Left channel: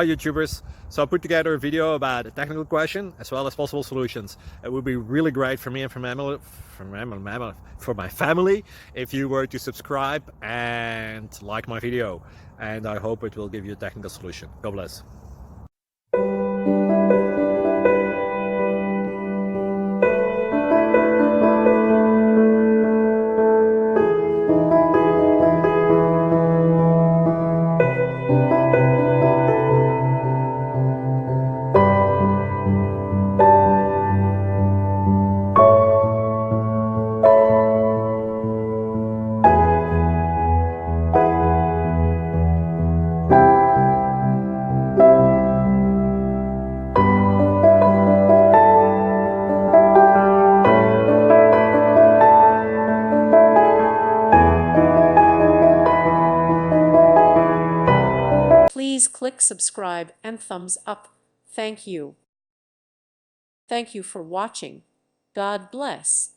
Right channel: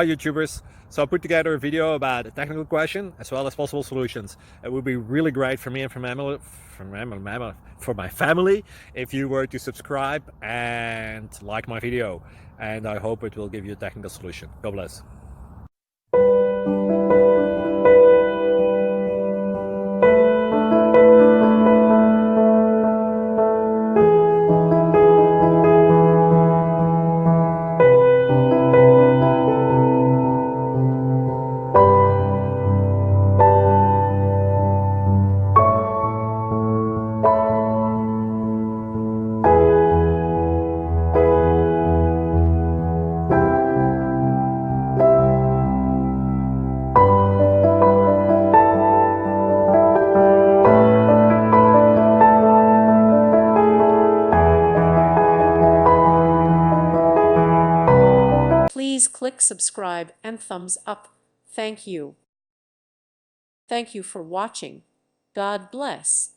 Hi YouTubers. So I put together a video about a technical question as well as possible solutions. It would be really great for me and for my family if you were to subscribe and like my video. And I hope it will give you a technical solution. God bless. Please click subscribe and thumbs up. Thank you. Thank you for watching. God bless.